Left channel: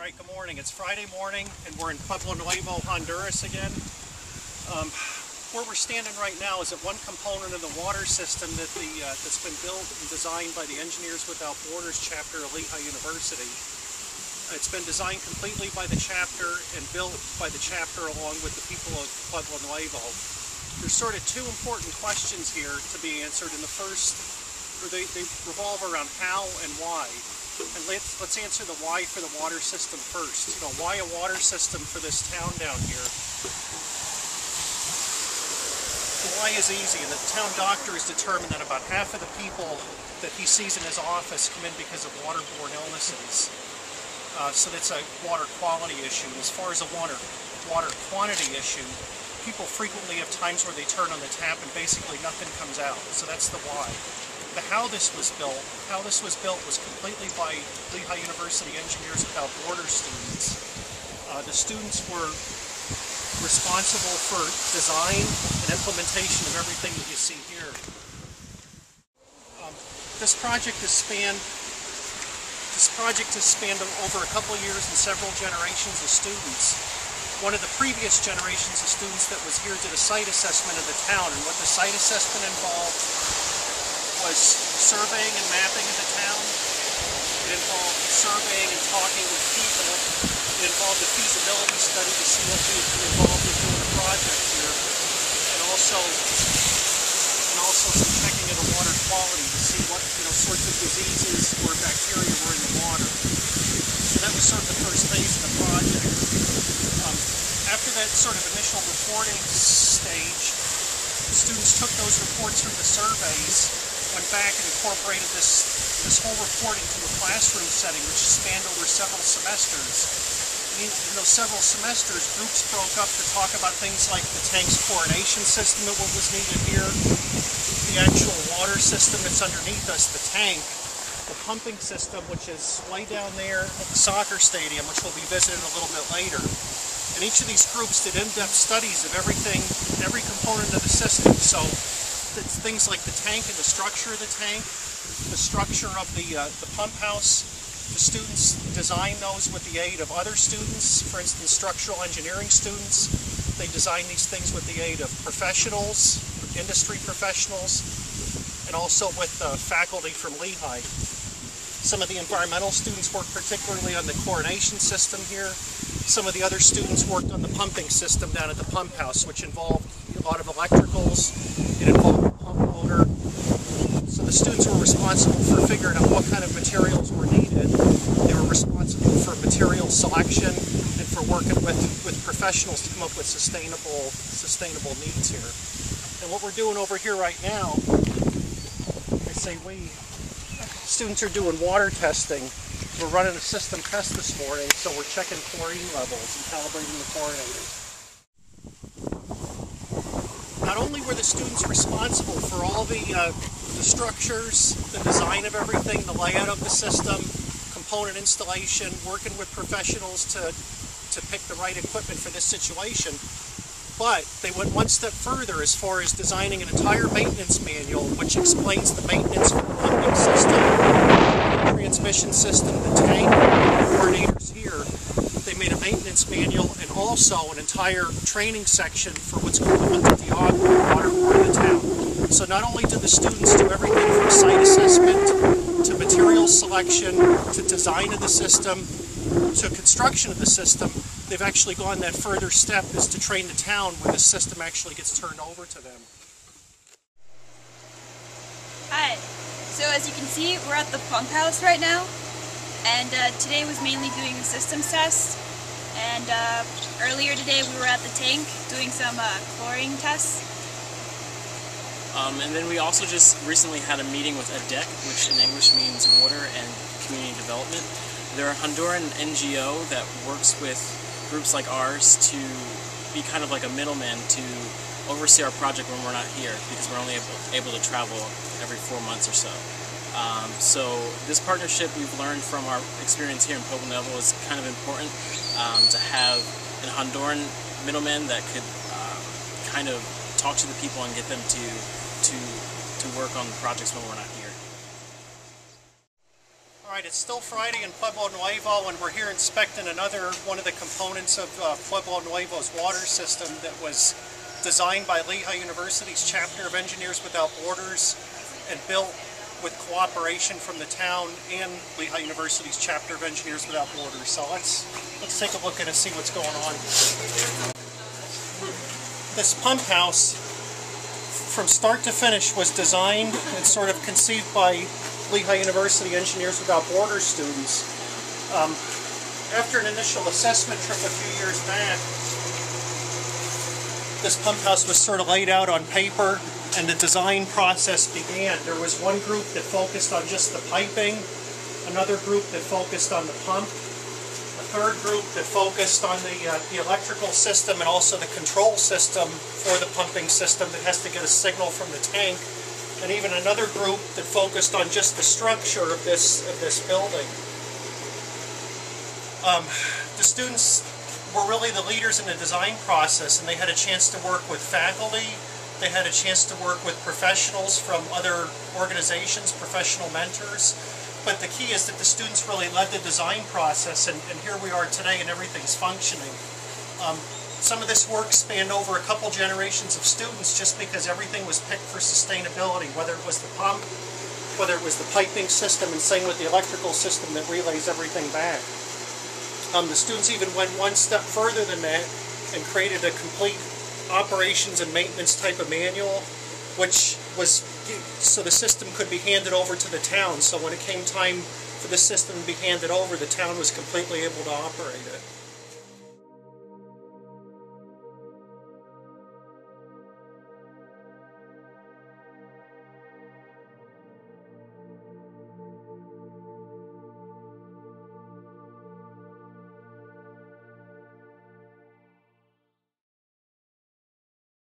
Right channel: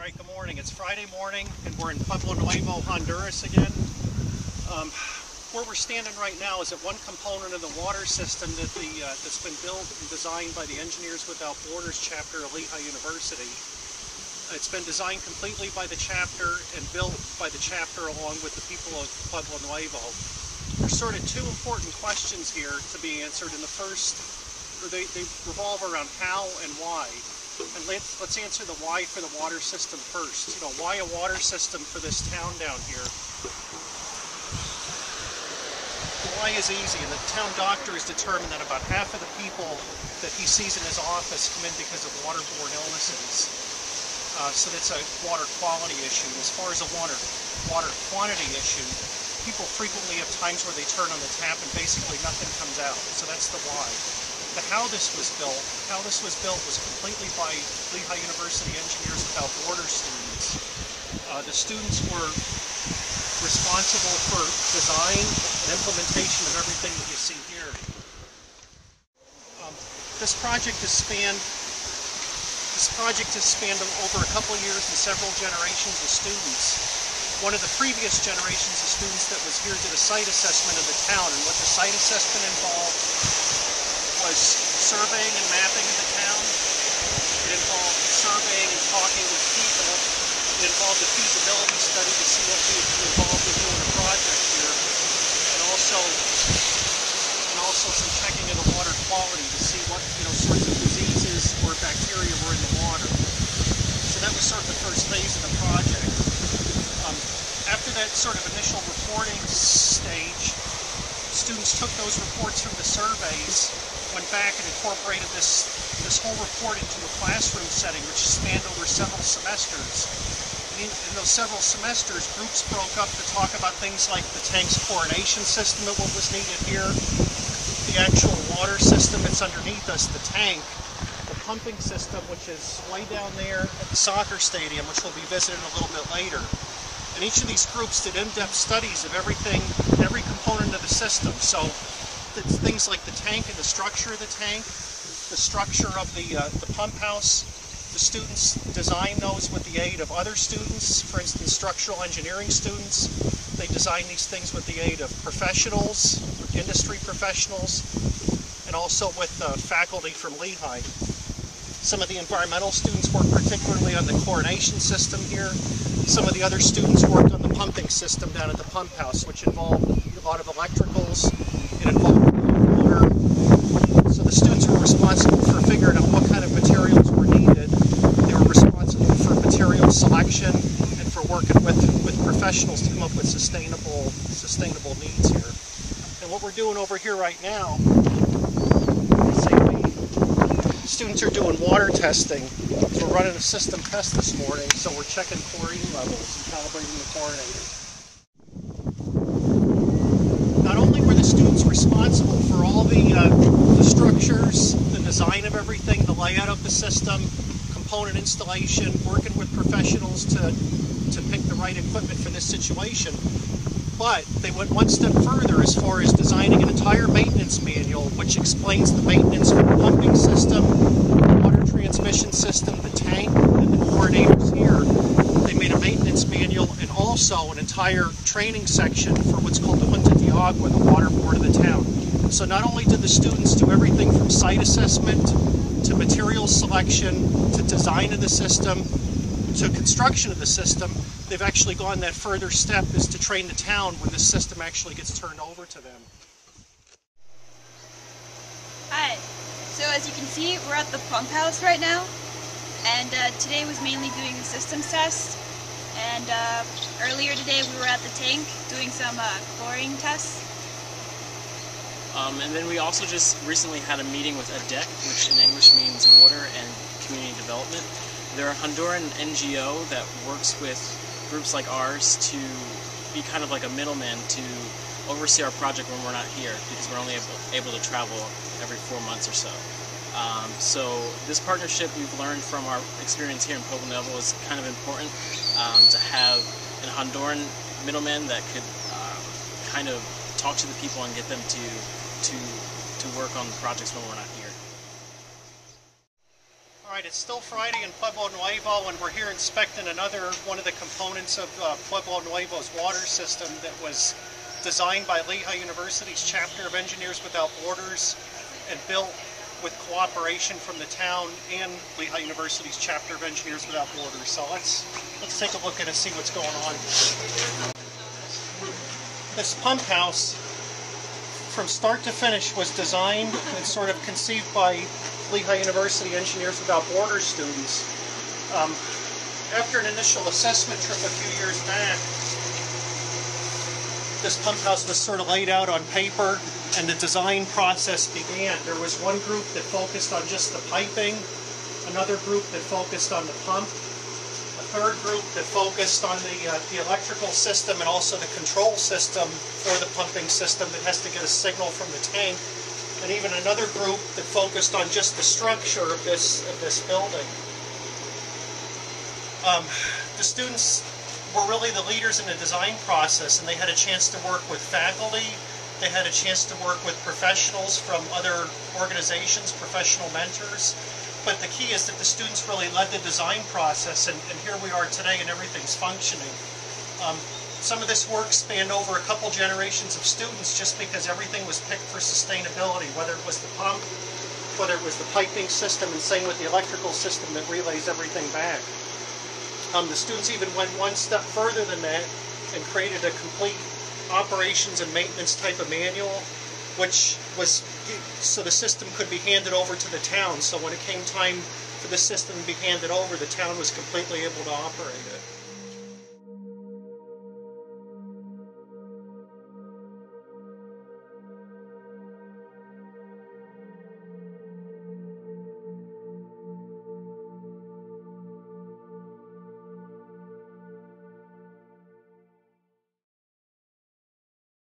right, good morning. It's Friday morning and we're in Pueblo Nuevo, Honduras again. Where we're standing right now is at one component of the water system that's been built and designed by the Engineers Without Borders chapter of Lehigh University. It's been designed completely by the chapter and built by the chapter along with the people of Pueblo Nuevo. There's sort of two important questions here to be answered. And the first, they revolve around how and why. And let's answer the why for the water system first. You know, why a water system for this town down here? The why is easy, and the town doctor has determined that about half of the people that he sees in his office come in because of waterborne illnesses. So that's a water quality issue. And as far as a water quantity issue, people frequently have times where they turn on the tap and basically nothing comes out. So that's the why. The how this was built was completely by Lehigh University Engineers Without Borders students. The students were responsible for design and implementation of everything that you see here. This project has spanned over a couple of years and several generations of students. One of the previous generations of students that was here did a site assessment of the town, and what the site assessment involved was surveying and mapping of the town. It involved surveying and talking with people. It involved a feasibility study to see what we would be involved in doing a project here, and also some checking of the water quality to see what sorts of diseases or bacteria were in the water. So that was sort of the first phase of the project. After that sort of initial reporting stage, students took those reports from the surveys, went back and incorporated this whole report into a classroom setting, which spanned over several semesters. And in those several semesters, groups broke up to talk about things like the tank's chlorination system and what was needed here, the actual water system that's underneath us, the tank, the pumping system, which is way down there at the soccer stadium, which we'll be visiting a little bit later. And each of these groups did in-depth studies of everything, every component of the system. So things like the tank and the structure of the tank, the structure of the pump house. The students design those with the aid of other students, for instance, structural engineering students. They design these things with the aid of professionals, industry professionals, and also with faculty from Lehigh. Some of the environmental students work particularly on the chlorination system here. Some of the other students worked on the pumping system down at the pump house, which involved a lot of electricals. It involved pump motor. So the students were responsible for figuring out what kind of materials were needed. They were responsible for material selection and for working with professionals to come up with sustainable needs here. And what we're doing over here right now, students are doing water testing. We're running a system test this morning, so we're checking chlorine levels and calibrating the chlorinator. Not only were the students responsible for all the structures, the design of everything, the layout of the system, component installation, working with professionals to pick the right equipment for this situation, but they went one step further as far as designing an entire maintenance manual which explains the maintenance for the pumping system, the transmission system, the tank, the chlorinators here. They made a maintenance manual and also an entire training section for what's called the Junta de Agua, the water board of the town. So not only did the students do everything from site assessment to material selection to design of the system to construction of the system, they've actually gone that further step is to train the town when the system actually gets turned over to them. Hi, so as you can see, we're at the pump house right now, and today was mainly doing a systems test, and earlier today we were at the tank doing some chlorine tests. And then we also just recently had a meeting with ADEC, which in English means Water and Community Development. They're a Honduran NGO that works with groups like ours to be kind of like a middleman to oversee our project when we're not here, because we're only able to travel every 4 months or so. So this partnership we've learned from our experience here in Pueblo Nuevo is kind of important to have a Honduran middleman that could kind of talk to the people and get them to work on projects when we're not here. All Alright, it's still Friday in Pueblo Nuevo, and we're here inspecting another one of the components of Pueblo Nuevo's water system that was designed by Lehigh University's chapter of Engineers Without Borders and built with cooperation from the town and Lehigh University's chapter of Engineers Without Borders. So let's take a look at it and see what's going on. This pump house, from start to finish, was designed and sort of conceived by Lehigh University Engineers Without Borders students. After an initial assessment trip a few years back, this pump house was sort of laid out on paper and the design process began. There was one group that focused on just the piping, another group that focused on the pump, a third group that focused on the electrical system and also the control system for the pumping system that has to get a signal from the tank, and even another group that focused on just the structure of this building. The students were really the leaders in the design process, and they had a chance to work with faculty, they had a chance to work with professionals from other organizations, professional mentors, but the key is that the students really led the design process, and here we are today and everything's functioning. Some of this work spanned over a couple generations of students just because everything was picked for sustainability, whether it was the pump, whether it was the piping system, and same with the electrical system that relays everything back. The students even went one step further than that and created a complete operations and maintenance type of manual, which was so the system could be handed over to the town. So when it came time for the system to be handed over, the town was completely able to operate it.